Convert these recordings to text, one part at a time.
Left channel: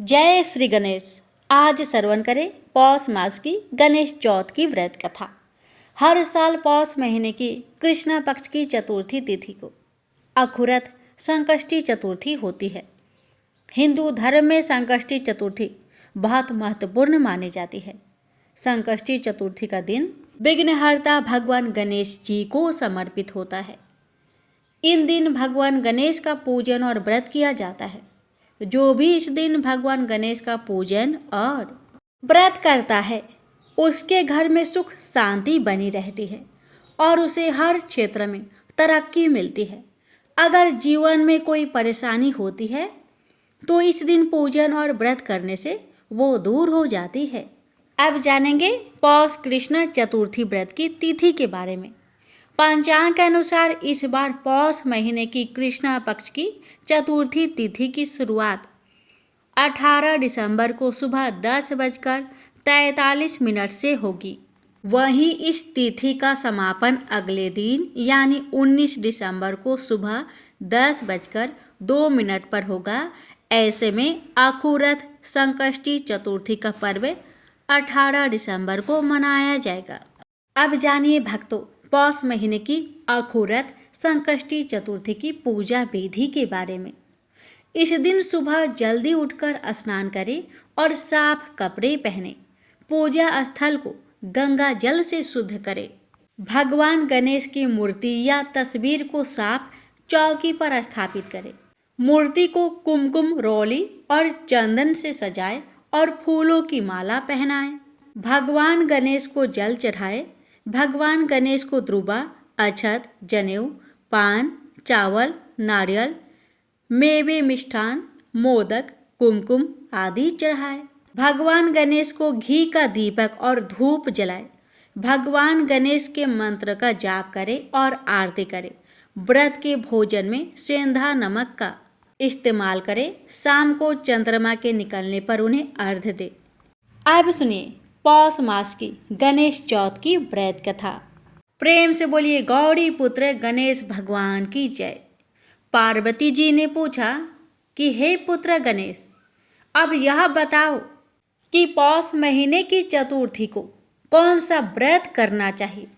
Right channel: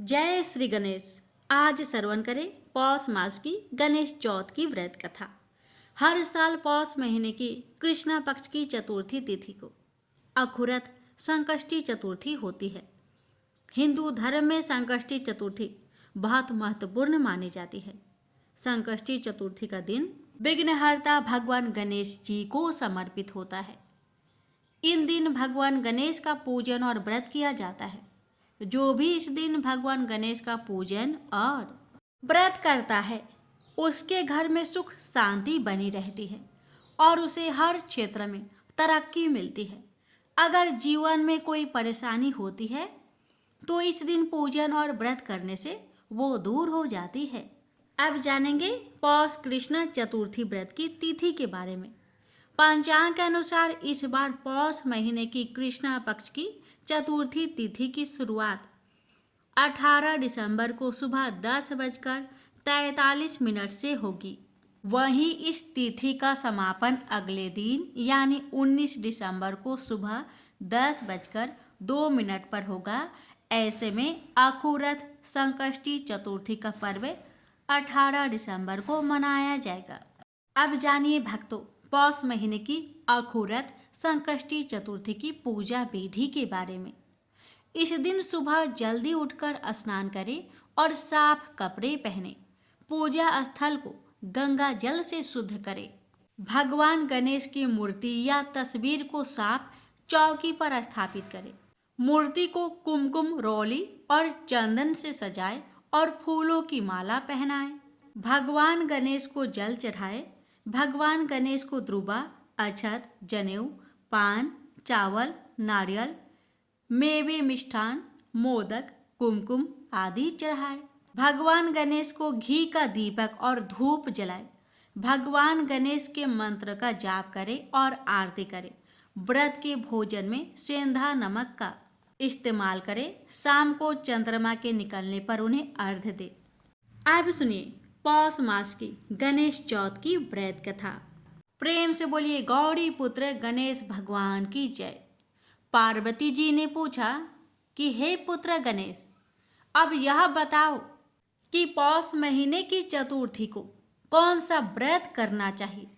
जय श्री गणेश। आज श्रवण करें पौष मास की गणेश चौथ की व्रत कथा। हर साल पौष महीने की कृष्ण पक्ष की चतुर्थी तिथि को अखुरत संकष्टी चतुर्थी होती है। हिंदू धर्म में संकष्टी चतुर्थी बहुत महत्वपूर्ण मानी जाती है। संकष्टी चतुर्थी का दिन विघ्नहर्ता भगवान गणेश जी को समर्पित होता है। इन दिन भगवान गणेश का पूजन और व्रत किया जाता है। जो भी इस दिन भगवान गणेश का पूजन और व्रत करता है उसके घर में सुख शांति बनी रहती है और उसे हर क्षेत्र में तरक्की मिलती है। अगर जीवन में कोई परेशानी होती है तो इस दिन पूजन और व्रत करने से वो दूर हो जाती है। अब जानेंगे पौष कृष्ण चतुर्थी व्रत की तिथि के बारे में। पंचांग के अनुसार इस बार पौष महीने की कृष्ण पक्ष की चतुर्थी तिथि की शुरुआत 18 दिसंबर को सुबह 10:43 से होगी। वहीं इस तिथि का समापन अगले दिन यानी 19 दिसंबर को सुबह 10:02 पर होगा। ऐसे में अखुरत संकष्टी चतुर्थी का पर्व 18 दिसंबर को मनाया जाएगा। अब जानिए भक्तों, पौष महीने की अखुरत संकष्टी चतुर्थी की पूजा विधि के बारे में। इस दिन सुबह जल्दी उठकर स्नान करें और साफ कपड़े पहने। पूजा स्थल को गंगा जल से शुद्ध करें। भगवान गणेश की मूर्ति या तस्वीर को साफ चौकी पर स्थापित करें। मूर्ति को कुमकुम रोली और चंदन से सजाएं और फूलों की माला पहनाएं। भगवान गणेश को जल चढ़ाएं। भगवान गणेश को द्रुबा, अक्षत, जनेऊ, पान, चावल, नारियल, मेवे, मिष्ठान, मोदक, कुमकुम आदि चढ़ाए। भगवान गणेश को घी का दीपक और धूप जलाए। भगवान गणेश के मंत्र का जाप करें और आरती करें। व्रत के भोजन में सेंधा नमक का इस्तेमाल करें। शाम को चंद्रमा के निकलने पर उन्हें अर्घ्य दें। अब सुनिए पौष मास की गणेश चौथ की व्रत कथा। प्रेम से बोलिए गौरी पुत्र गणेश भगवान की जय। पार्वती जी ने पूछा कि हे पुत्र गणेश, अब यह बताओ कि पौष महीने की चतुर्थी को कौन सा व्रत करना चाहिए।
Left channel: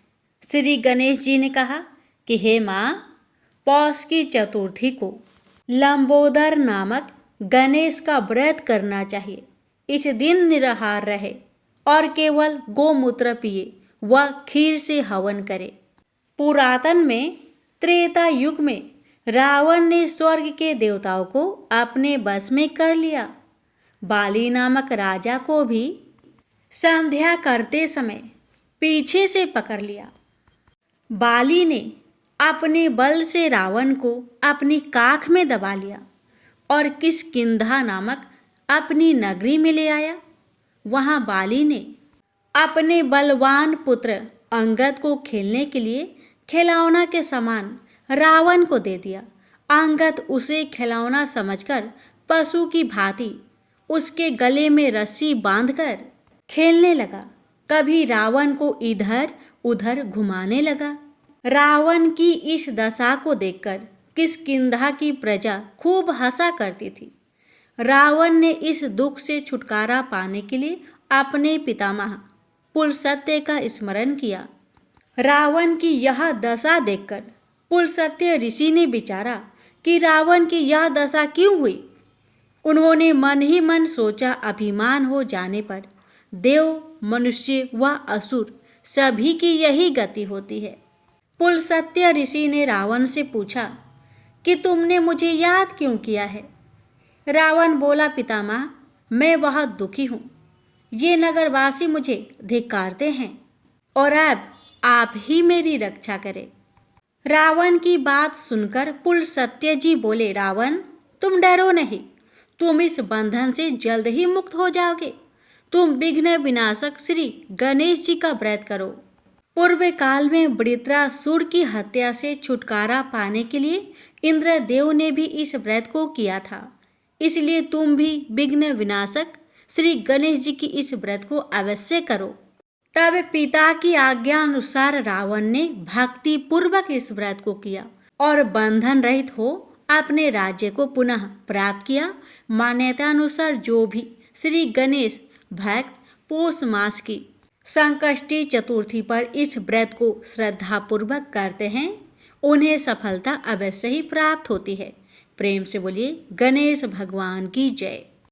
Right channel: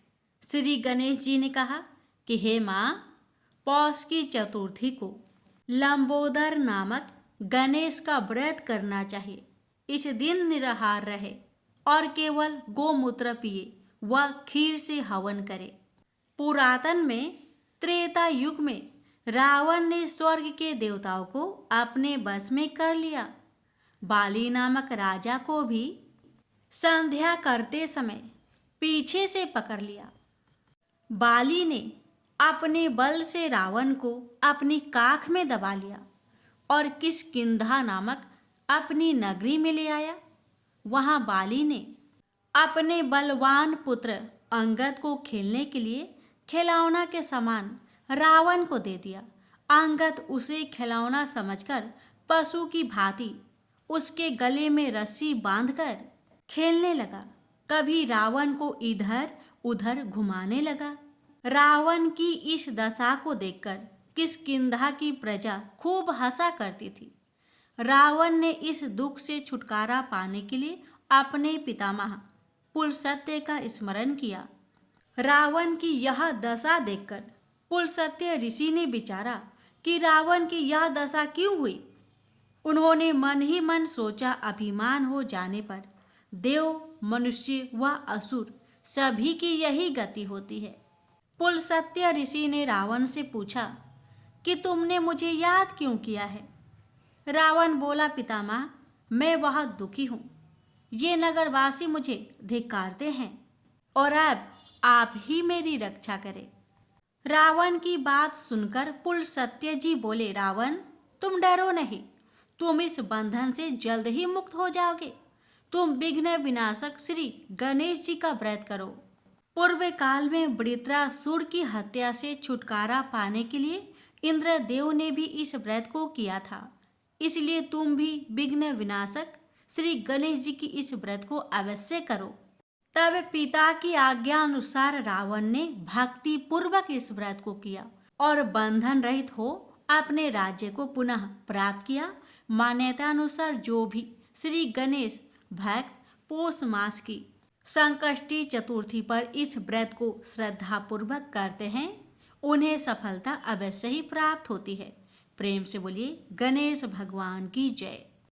श्री गणेश जी ने कहा कि हे माँ, पौष की चतुर्थी को लंबोदर नामक गणेश का व्रत करना चाहिए। इस दिन निराहार रहे और केवल गोमूत्र पिए व खीर से हवन करे। पुरातन में त्रेता युग में रावण ने स्वर्ग के देवताओं को अपने बस में कर लिया। बाली नामक राजा को भी संध्या करते समय पीछे से पकड़ लिया। बाली ने अपने बल से रावण को अपनी काख में दबा लिया और किष्किंधा नामक अपनी नगरी में ले आया। वहां बाली ने अपने बलवान पुत्र अंगद को खेलने के लिए खिलौना के समान रावण को दे दिया। अंगद उसे खिलौना समझकर पशु की भांति उसके गले में रस्सी बांधकर खेलने लगा। कभी रावण को इधर उधर घुमाने लगा। रावण की इस दशा को देखकर किष्किंधा की प्रजा खूब हंसा करती थी। रावण ने इस दुख से छुटकारा पाने के लिए अपने पितामह पुलस्त्य का स्मरण किया। रावण की यह दशा देखकर पुलस्त्य ऋषि ने विचारा कि रावण की यह दशा क्यों हुई। उन्होंने मन ही मन सोचा, अभिमान हो जाने पर देव, मनुष्य व असुर सभी की यही गति होती है। पुलस्त्य ऋषि ने रावण से पूछा कि तुमने मुझे याद क्यों किया है। रावण बोला, पितामह, मैं बहुत दुखी हूँ। ये नगरवासी मुझे धिक्कारते हैं और अब आप ही मेरी रक्षा करें। रावण की बात सुनकर पुलस्त्य जी बोले, रावण, तुम डरो नहीं, तुम इस बंधन से जल्द ही मुक्त हो जाओगे। तुम विघ्न विनाशक श्री गणेश जी का व्रत करो। पूर्व काल में वृत्रासुर की हत्या से छुटकारा पाने के लिए इंद्रदेव ने भी इस व्रत को किया था। इसलिए तुम भी विघ्न विनाशक श्री गणेश जी की इस व्रत को अवश्य करो। तब पिता की आज्ञा अनुसार रावण ने भक्ति पूर्वक इस व्रत को किया और बंधन रहित हो अपने राज्य को पुनः प्राप्त किया। मान्यता अनुसार जो भी श्री गणेश भक्त पौष मास की संकष्टी चतुर्थी पर इस व्रत को श्रद्धापूर्वक करते हैं उन्हें सफलता अवश्य ही प्राप्त होती है। प्रेम से बोलिए गणेश भगवान की जय।